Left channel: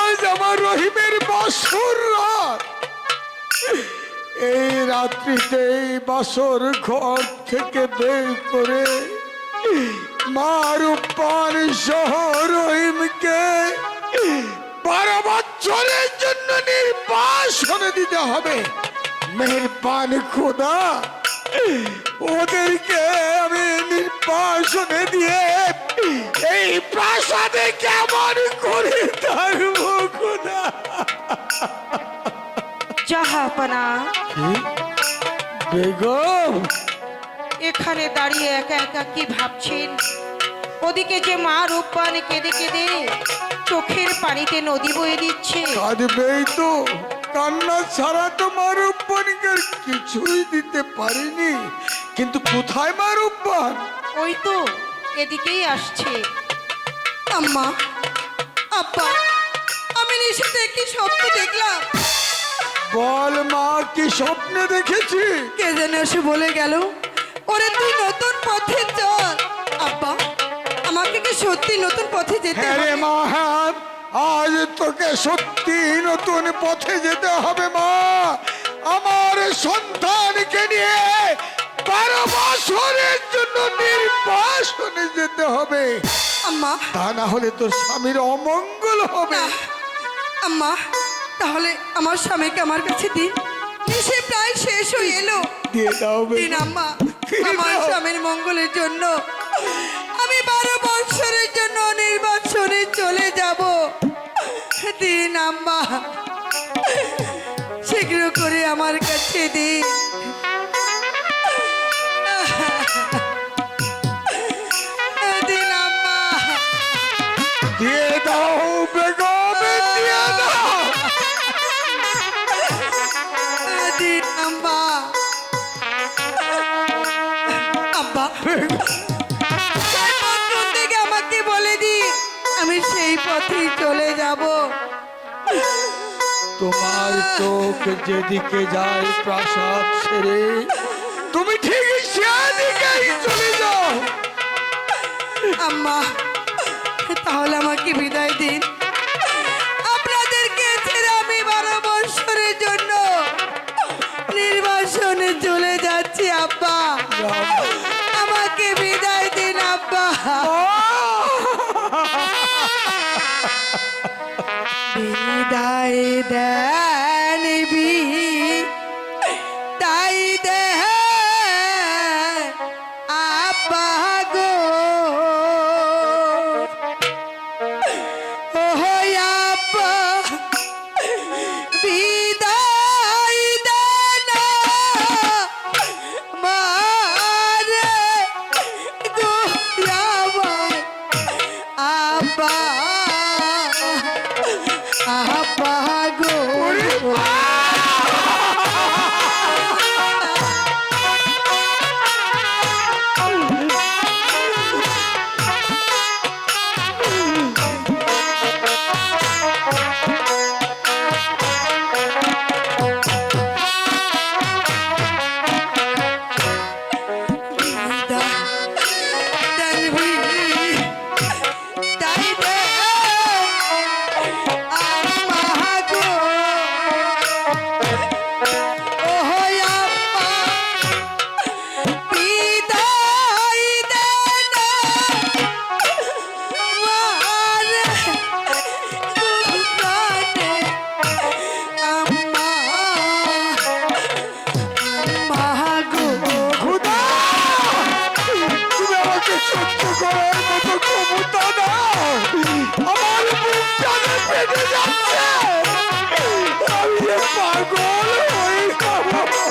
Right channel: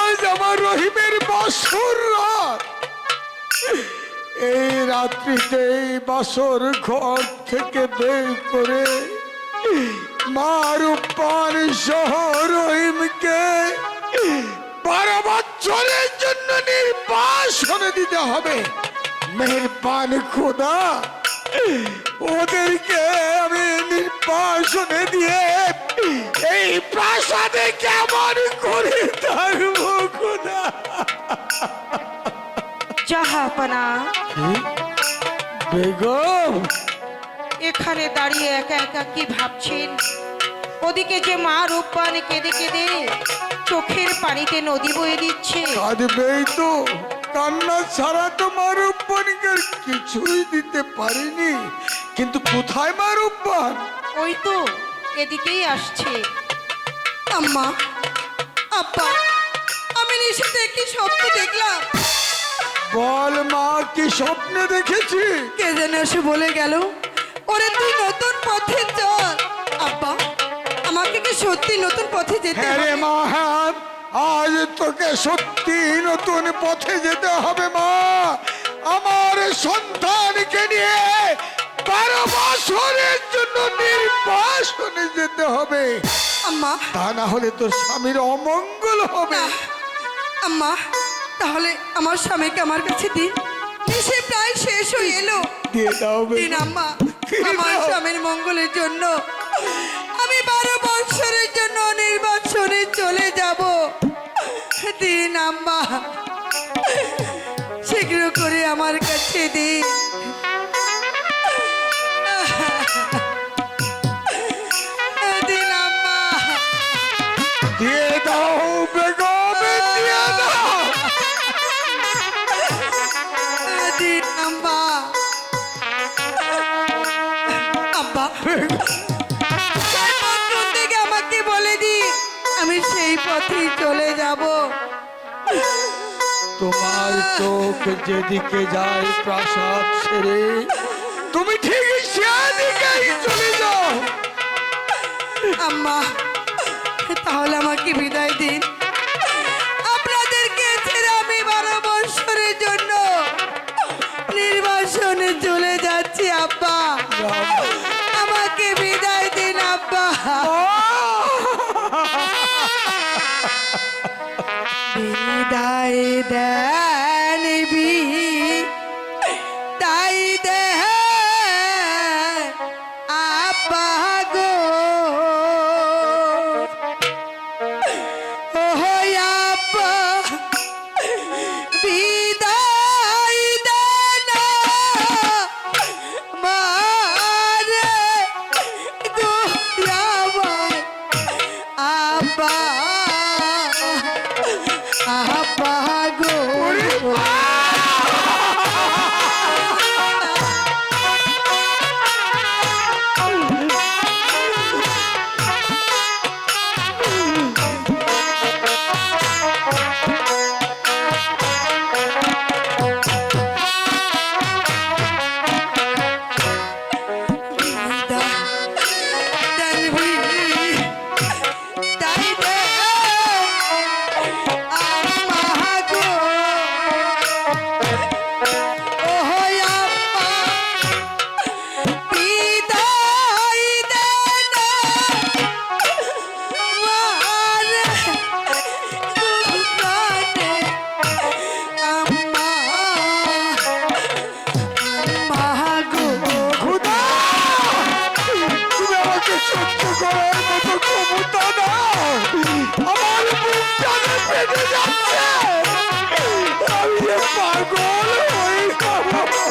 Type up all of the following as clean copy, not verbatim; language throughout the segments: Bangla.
আজ আমার রহিমের বাসর রাত। এই রাত্রিতে এই বাসর ঘর থেকে বের করে মা রূপবান সহ রহিমকে 12 বছরের জন্য নির্বাসনে দিতে হবে। মেহেরবান খোদা, ওদেরকে আমি নির্বাসনে দিয়ে এই প্রাসাদে কেমন করে থাকবো খোদা? জাহাপনা, বেগম এখানে দাঁড়িয়ে একা একা কি ভাবছেন? ওদিকে যে মা রূপবান কেঁদে কেঁদে চোখের পানিতে নদী বয়ে দিচ্ছে। কাঁদবেই তো, কান্না ছাড়া তো মা রূপবানকে কিছুই দিতে পারিনি। কিন্তু কোথায় মা রূপবান? ওই তো এদিকেই আসছে। আম্মা, আব্বা, আমি নিশিতে কি স্বপ্ন দেখলাম? বল মা, কি স্বপ্নে দেখেছি? কে যেন এসে বলে গেল, ওরে তুই নতুন পথে চল। আব্বা, আমাকে কি সত্যি নতুন পথে যেতে হ্যাঁ রে হবে? মা, হ্যাঁ, আজ তোকে সত্যি নতুন পথে যেতে হবে মা। আমার সন্তানকে নিয়ে 12 বছরের জন্য নির্বাসনে যেতে হবে। আম্মা, তা না হলে তোর স্বামীর অমঙ্গল হবে। না, আম্মা, তাহলে আমার স্বামীকে আমার কাছে দিন। সে প্রায় শেষ হয়ে এলো। দিয়ে দাও দিন বেগম। আম্মা, দিয়ে আমার দাও। স্বামীর মঙ্গলের জন্য আমি 12 বছরের জন্য নির্বাসনে চলে যাব। দিন আম্মা, শীঘ্র করে আমার কাছে দিন। দিন আম্মা, দিয়ে দাও বেগম, দিয়ে দাও। দিন আম্মা। আব্বা, সেই পথ থেকে আমাকে বলে দি, আমি সেই পথেই চলে যাব। তোমার চোখ যেদিকে যায় প্রাসাদ ছেড়ে, তুমি ঠিক সেদিকেই চলে যাও। আম্মা, তাহলে আমাকে বিদায় দিন। আপনাদেরকে ছেড়ে আমি 12 বছরের জন্য নির্বাসনে চলে যাচ্ছি। আব্বা, আমাকে বিদায় দিন আব্বা। বিদায় দেন তাই দেহ আব্বা গো। ও আব্বা, বিদায় দেন মারে গো আমার আব্বা, আব্বা গো। সহ্য করার মতো ক্ষমতা দাও। আমার বুকটা ফেটে যাচ্ছে, আমি যে পাগল হয়ে যাবো।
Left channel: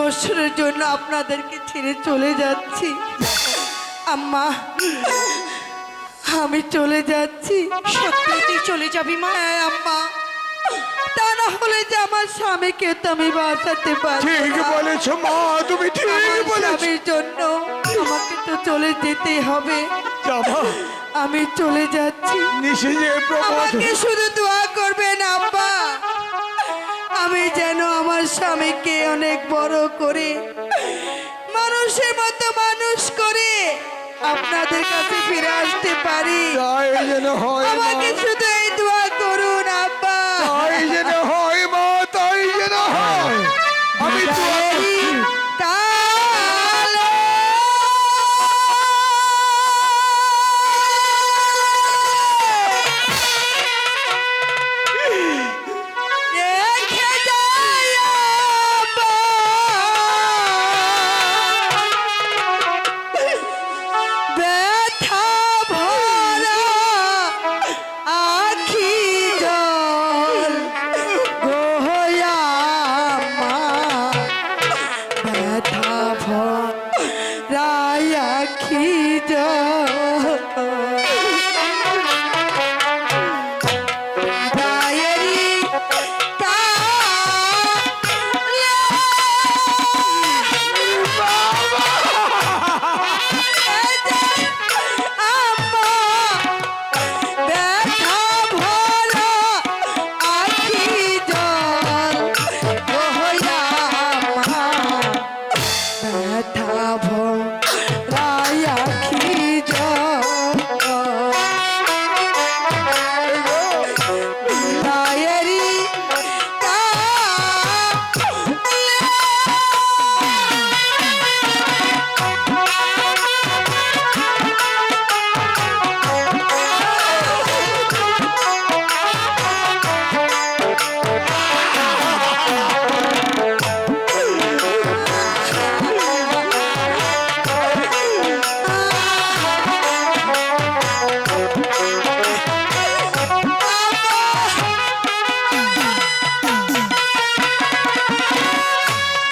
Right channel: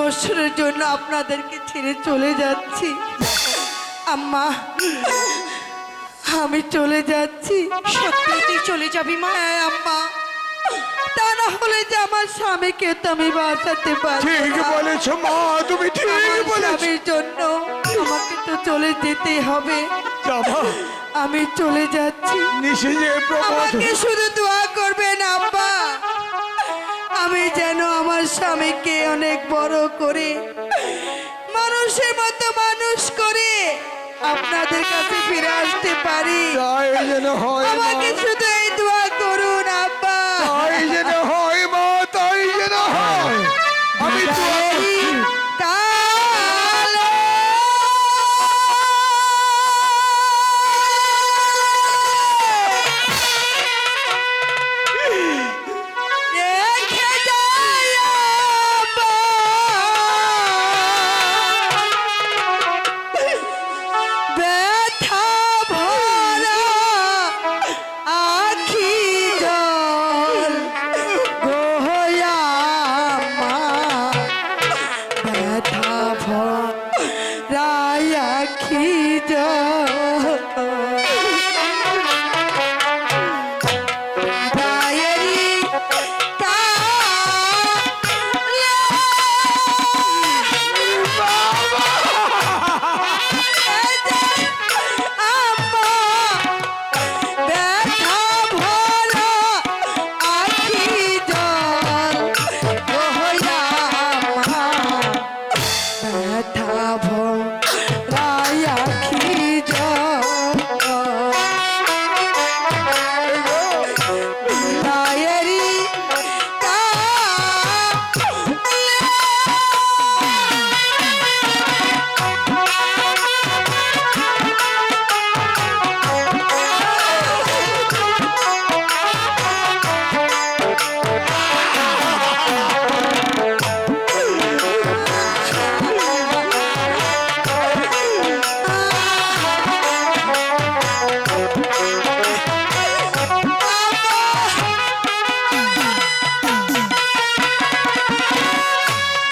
বছরের জন্য আপনাদেরকে ছেড়ে চলে যাচ্ছি। আম্মা, আমি চলে যাচ্ছি। সত্যি তুই চলে যাবি মা? হ্যাঁ আম্মা, তা না হলে যে আমার স্বামীকে তো আমি বাঁচাতে পারি ঠিক না। বলেছ মা, তুমি ঠিক আমার বলেছ। স্বামীর জন্য আমাকে তো চলে যেতেই হবে। যাবা, আমি চলে যাচ্ছি। নিশে যে প্রবোধ আমাকে শুধু দোয়া করবেন আব্বা, আমি যেন আমার স্বামীকে অনেক বড় করে মানুষের মতো মানুষ করে আপনাদের কাছে ফিরে আসতে পারি। তাই যেন হয় মা, আমাকে শুধু এই দোয়া করুন আব্বা। তাই যেন হয় মা, তাই যেন হয়। আমি দোয়া করছি। কালো রেখে যায় আব্বা। ব্যথা ভরা আখি জল গোয়া মা, ব্যথা ভরা আখি জল দায়েরি কালে আম্মা, ব্যথা ভরা আখি জল গোয়া মা, ব্যথা ভরা আখি জল দায়েরি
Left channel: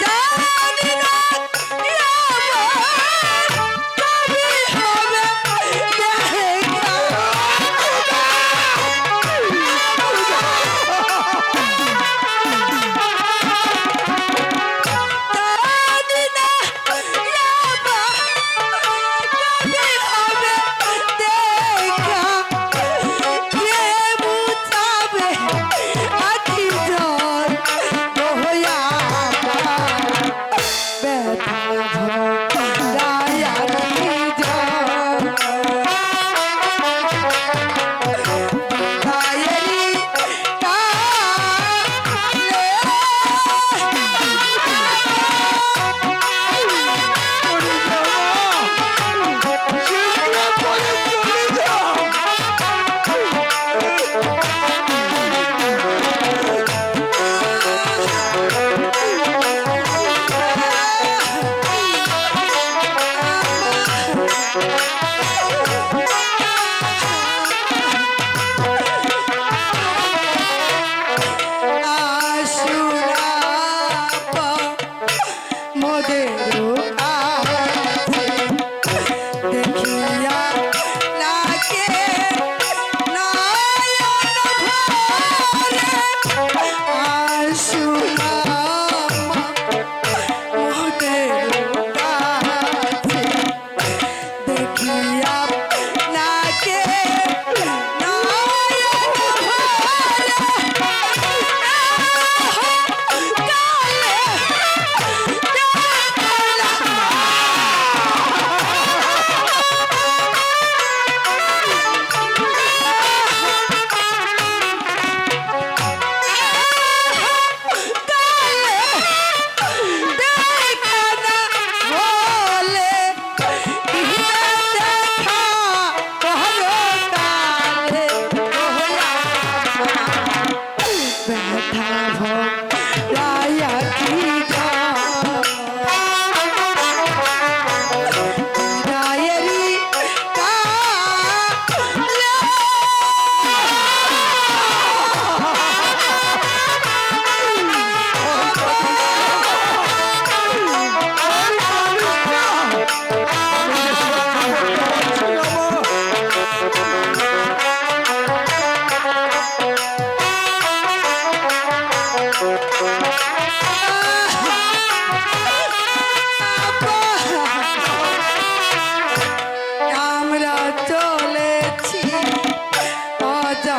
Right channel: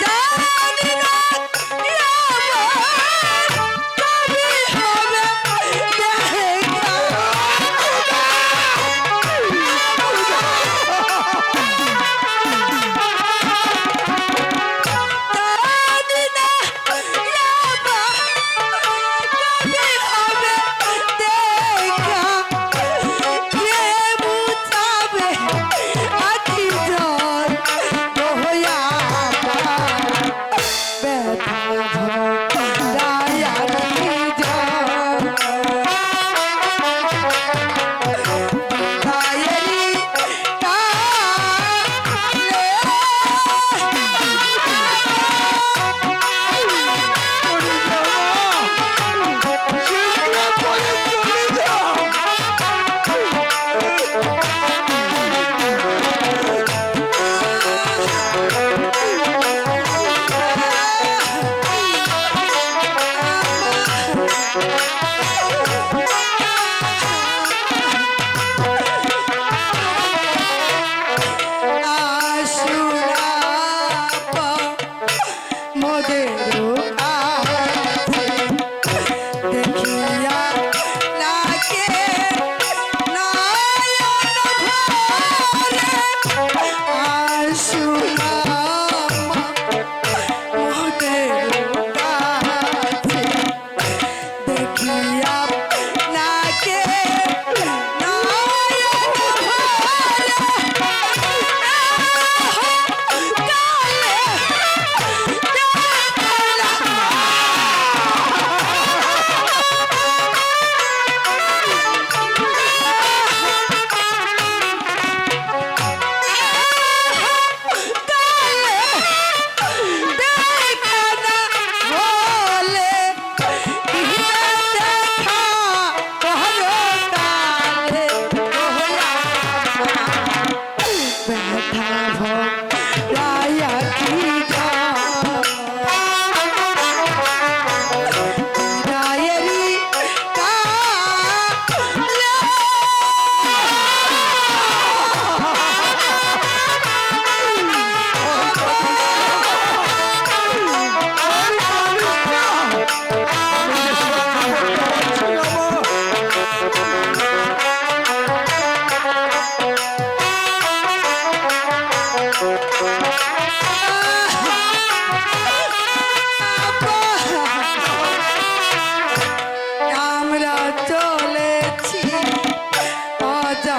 জানি না কবে হবে দেখা। জানি না কবে হবে দেখা।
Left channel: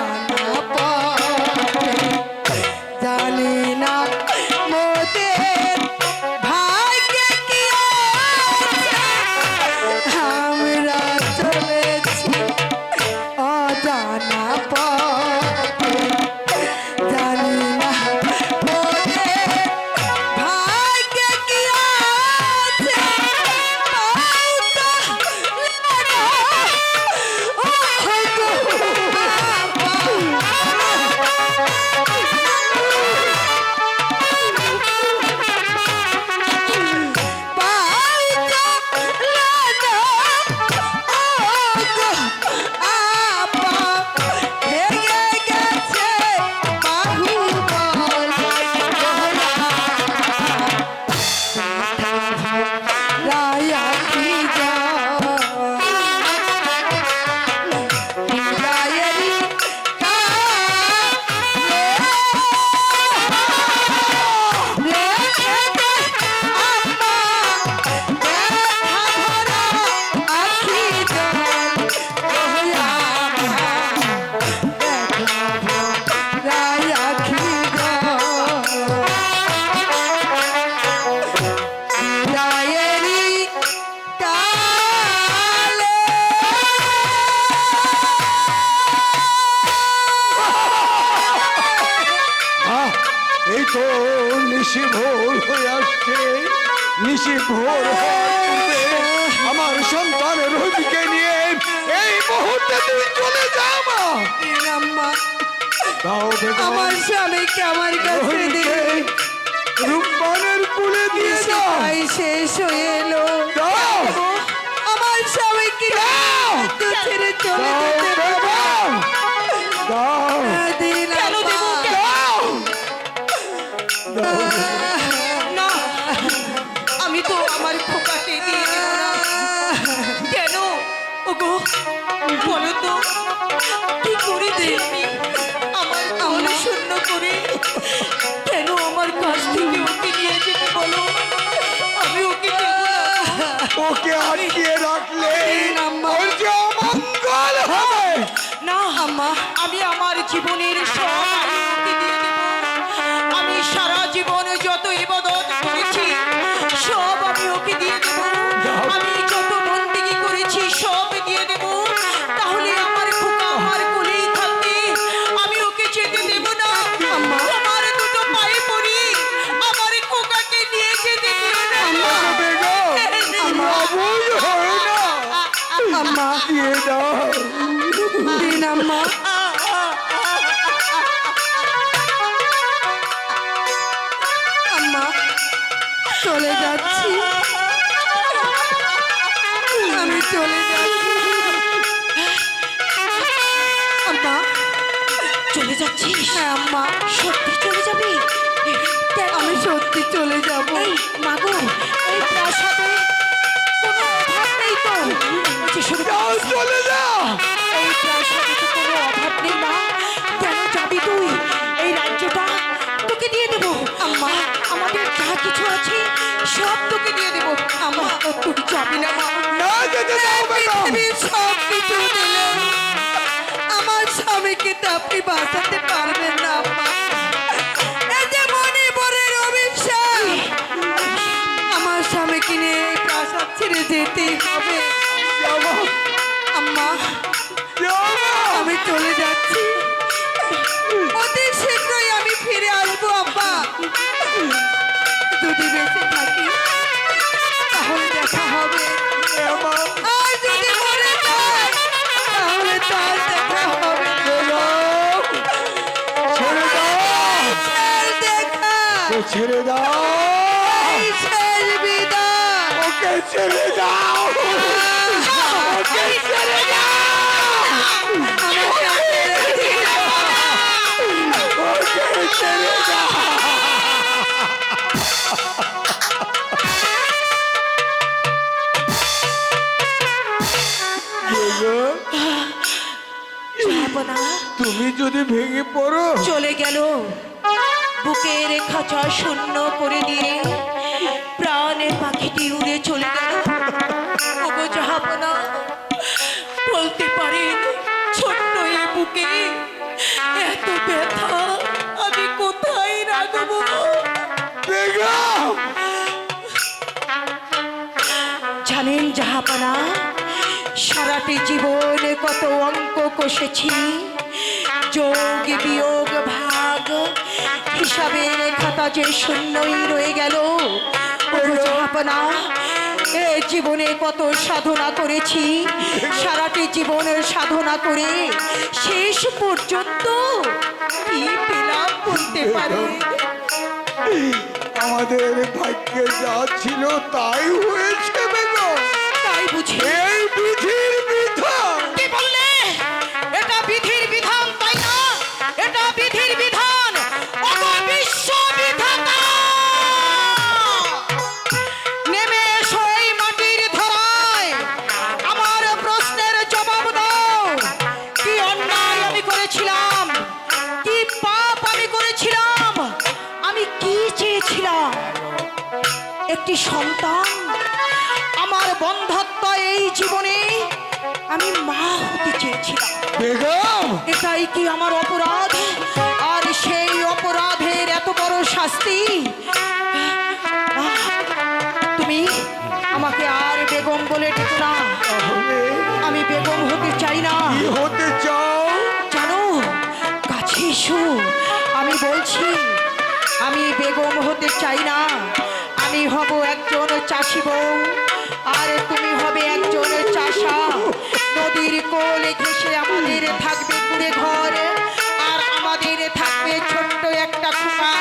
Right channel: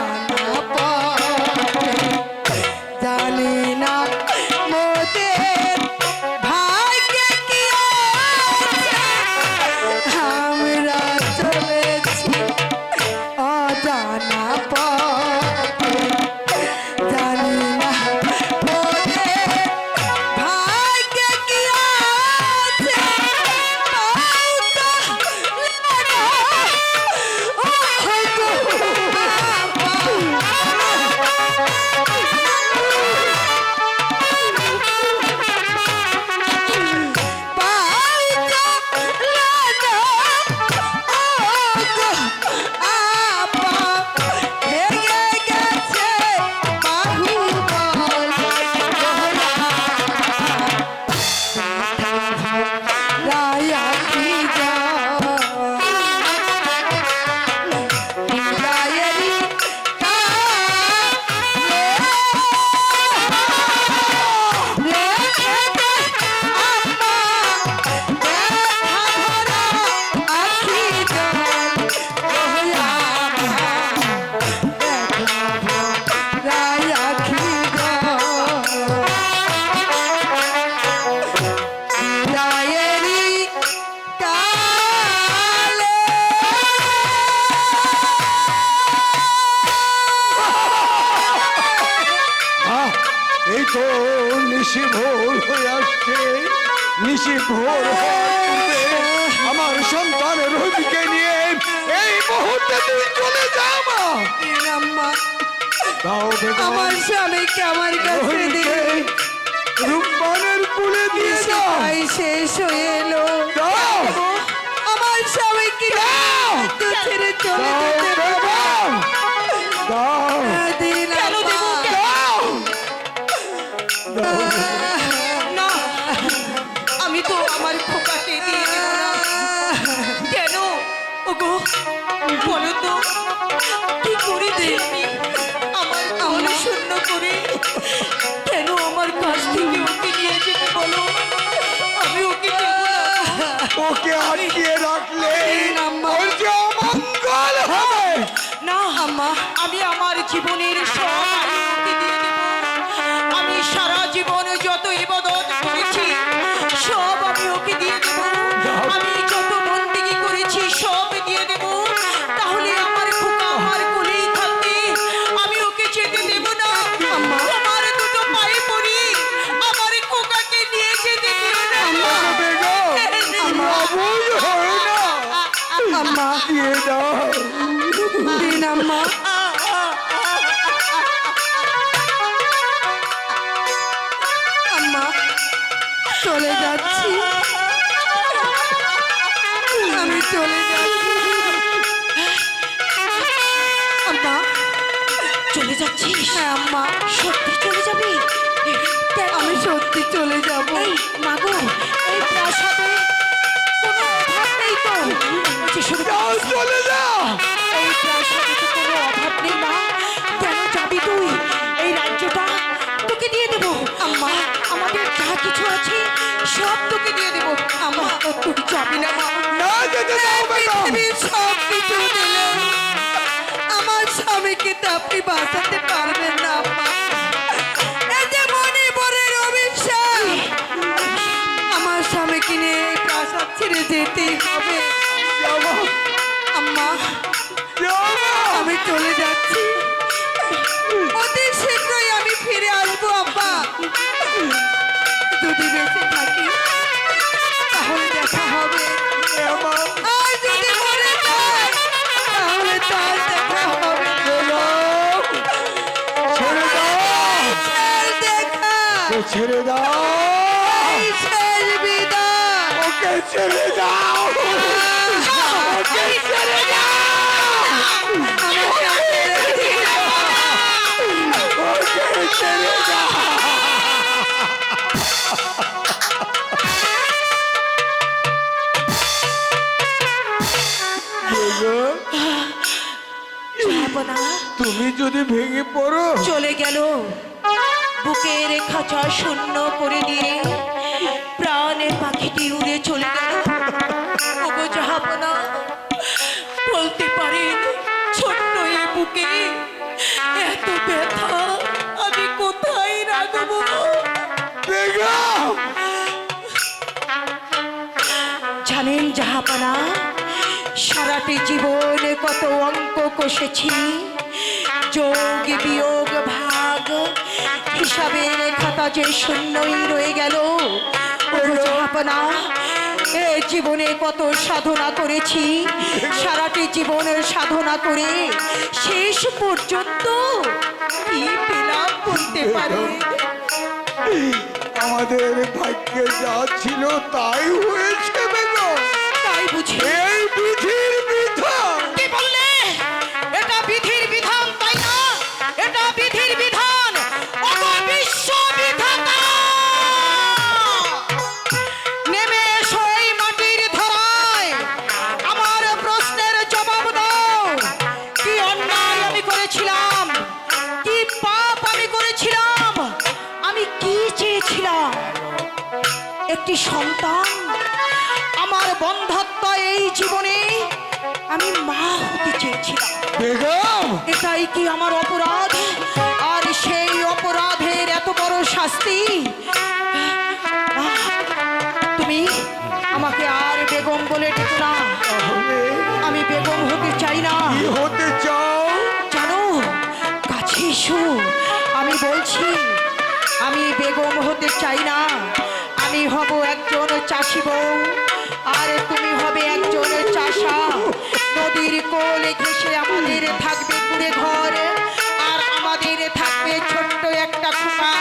জানা পথে জানি না মোদের ভাগ্যে কি আছে আমরা চলেছি অজানা পথে জানি না মোদের ভাগ্যে কি আছে এই তো নিশি ভোর হয়ে আসছে। নিশি ভোর হওয়ার আমার সন্তানের রোহিকে নিয়ে এই মুহূর্তে তুই চলে যা মা। আম্মা দাও বেগম, আমার স্বামীকে আমার কাছে রোহিণীকে দিয়ে রূপবানের কুলে দিয়ে দাও। তাই শেষ হয়ে এলো দাও আমার স্বামীকে দাও তো ছেড়ে চলে দাও যেতে বেগম, দাও দিন কেন দেবো? দাও না, আমি তো আমার খোকাকে দিয়ে দেব না। কেন ওগো বলো তো, কি করে দেবি আমার মন শূন্য করে? কেন আমার কাছ থেকে ওকে নিয়ে যেতে বলো? আমি ওকে দেব না। ওকে আটকিয়ে রাখলে আম্মা। ওর যে অমঙ্গল হবে। না আম্মা, আমি আমার জীবনের সব আমি ওকে দিয়ে দেব। আমি সারা জীবন যত ইবাদত করেছি সব আমি ওকে দিয়ে দেব। আমি যত বন্দেগী করেছি সব দিয়ে দেব। তাহলে আমার খোকা আমার কোলেই থাকবে, আমি ওকে যেতে দেব না। আমার দুটো পায়ে পড়ি, আমার খোকাকে নিয়ে যেতে দিও না। বেগম, অবুঝ হয় না। আম্মা দিয়ে দাও। দিন আম্মা আম্মা চলে যাচ্ছি আমি চলে যাচ্ছি আম্মা চলে যাচ্ছিস? হ্যাঁ আম্মা সত্যি চলে যাবি? কেন? আমি সত্যি চলে যাব এই মাগো, এই প্রাসাদে কোনো অভাব নেই তো? বলছি, শুধু যাও, চলে যাও। এই প্রাসাদে তো কোনো অভাব নেই মা। কেন যাবি তুই? এই রাজ্যটা তোকে দিয়ে দেব। আম্মা, আমাদের যা কিছু আছে সব তোকে দিয়ে দেব। আম্মা, তুই যাবি না মা? না যেতে দাও বেগম। পৃথিবীর সব কিছু দিলে আমার স্বামীকে তো আপনি বাঁচাতে পারবেন না আম্মা। এই যে মণিপুরের অভিশাপ, আমার স্বামীকে নিয়ে এই প্রাসাদ ছেড়ে যেতেই হবে। যাও, আম্মা যাও। আমি চলে যাচ্ছি, অতি শীঘ্রই আমি ফিরে আসবো আব্বা। যদি বেঁচে থাকি তাহলে দেখা হবে, আর যদি মরে যাই তাহলে তার দেখা হবে না। ছেড়ে দাও, শেষ দেখা, ছেড়ে দাও, এই শেষ বিদায়। ওকে ছেড়ে দাও, ওকে ছেড়ে দাও, আমাকে ছেড়ে দিন। ওকে ছেড়ে দাও। যাবো না। তুমি যদি ভেঙে পড়ো, চলে গেল, বুকের খাঁচা শূন্য করে দিয়ে প্রাণের পাখিটি উড়ে চলে গেল। ওগো যাবো না, বলতে পারেন ছোট্ট এই বুকে এত ব্যথা আমি কোথায় রাখবো? বেগম জানেন জাহাপানা, সারাটি জীবনে কত অঙ্ক কষেছি, যোগ বিয়োগ ভাগ হিসাবের খাতা যে শূন্যই রয়ে গেল। ওগো জাহাপানা, এ জীবনে কত সাধনা করেছি, সারাটি জীবনের সাধনা করে শেষ পর্যন্ত কি পেলাম বলতে পারি? আমাদের ভাগ্যে যা ছিল তাই হয়েছে বেগম। তাই বুঝি? এই বিধির বিধান। কি বললে? এটা বিধির বিধান তাই না? এটা বিধির বিধান। ওগো বিশ্ব বিধাতা, নেমে এসো এই মাটির ধরায়, আমার প্রশ্নের জবাব দাও। কি অন্যায় আমি করেছিলাম? কি পাপ আমি করেছিলাম? আমি কি চেয়েছিলাম? একটি সন্তান, আমার বন্ধাত্ম এই জীবনে আমি মা হতে চেয়েছিলাম। বেগম এটাই কি আমার অপরাধ? আর সেই অপরাধের এত বড় শাস্তি? তুমি আমাকে আর বেগম বলে ডেকো না। তাহলে আমি বেগম হতে চাই না। কি হতে চাও? জানো, কাছে এসো, আমি বলছি আমি বেগম হতে চাই না। আমি হব একজন চাষি বউ, আর তুমি হবে একজন চাষা। নদীর কোলে ঘেঁষে আমাদের থাকবে কুড়ে ঘর, আর আমাদের থাকবে ছোট্ট একটা খোকা।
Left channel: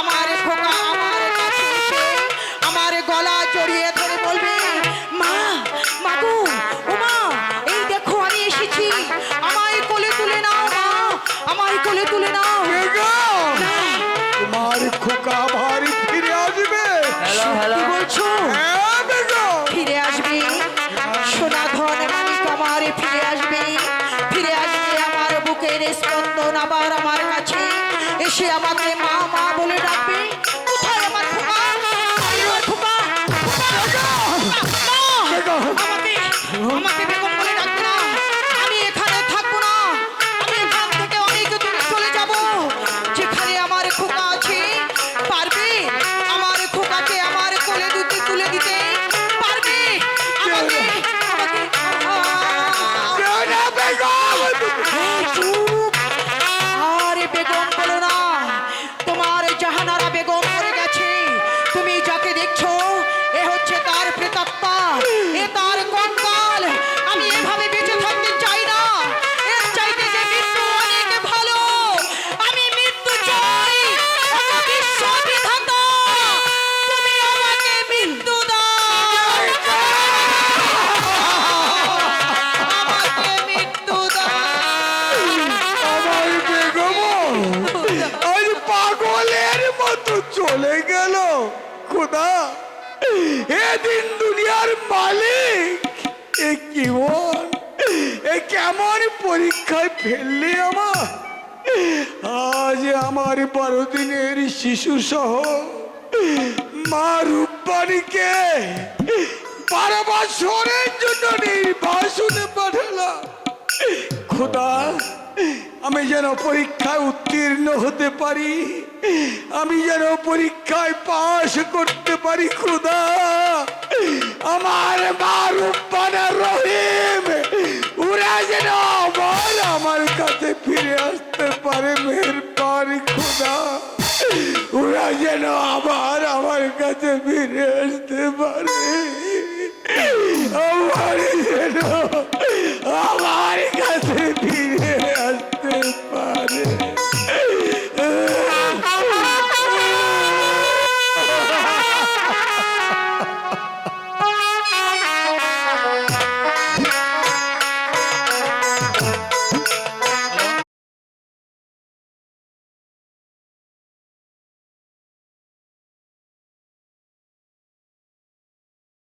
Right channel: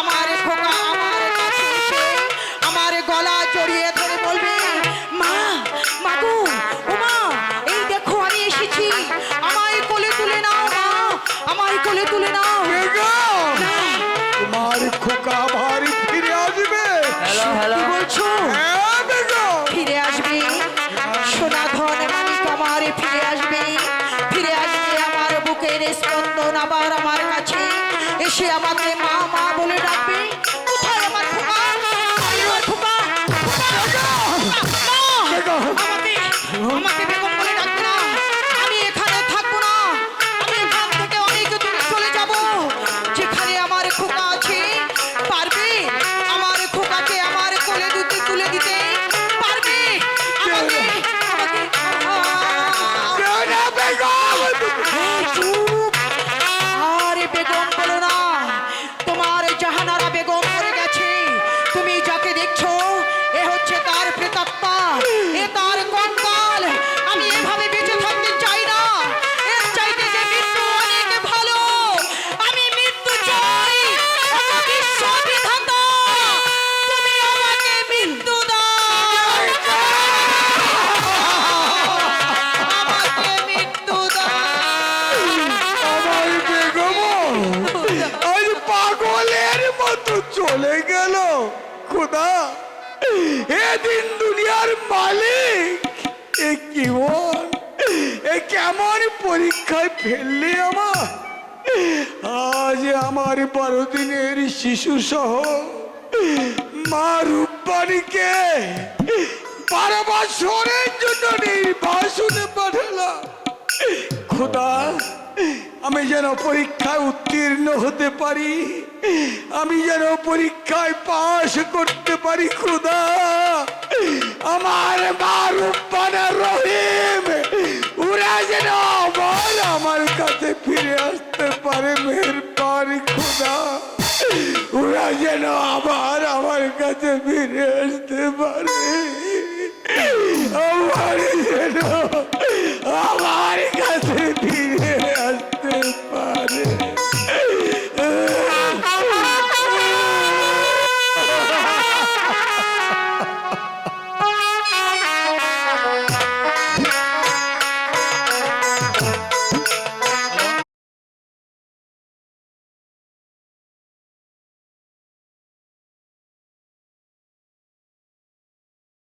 আমার খোকা আমার কাছে এসে আমার গলা জড়িয়ে ধরে বলবে, মা, মাগো, ওমা, এই দেখো আমি এসেছি, আমায় কোলে তুলে নাও মা, আমায় কোলে তুলে নাও। বেগম তোমার খোকা ভারী ফিরে আসবে। কি বলছো? হ্যাঁ বেগম। ফিরে আসবে? সোনা ধন মানিক আমার ফিরে আসবে, ফিরে আসবে আমার বুকের স্পন্দন আবার আমার কাছে এসে আমাকে মা মা বলে ডাকবে। কোথায় আমার খোকা? কোথায় আমার খোকা? আমাকে আমাকে বেগম বলে ডাকবে না। আমি এখানে থাকবো না। আমি এখান থেকে অনেক দূরে চলে যাব, যেখানে আমার খোকা আছে। পারবে আমার খোকাকে আমার কোলে তুলে দিতে? পারবে? আমাকে আমাকে না বেগম। চুপ! আরে বেগম বলো না, তোমার জাহানারা বেগম মরে গেছে। তুমি যাকে দেখছো এ হচ্ছে তার প্রেতাত্মা, এ তার কঙ্কাল। আমি এভাবে বেঁচে থাকতে চাই না। এর চাইতে যে মৃত্যু অনেক ভালো। আমি মৃত্যু চাই। ওগো বিশ্ব বিধাতা, তুমি আমাকে মৃত্যু দাও। আমাকে মৃত্যু দাও। আমার বেগম আজ পাগলের মতো চলে গেল। খোদা, এদিন দুনিয়ার মালিক, এ কি বল, এ কেমন পরীক্ষায় ফেললি আমার। আজ আমার 12 দিনের শিশু সহ মা রূপবাণীকে 12 বছরের জন্য নির্বাসনে পাঠালাম। খোদা, আমি যেন পরীক্ষায় উত্তীর্ণ হতে পারি, আমি যেন পরীক্ষায় পাশ করতে পারি। খোদা, আমার মা রূপবানা রহিম ওরা যেন আবার আমার কাছে ফিরে আসতে পারে। মেহেরবানি খোদা, ওরা যেন আবার আমার কাছে ফিরে আসতে পারে। আমার যেন আমার কাছে ফিরে আসতে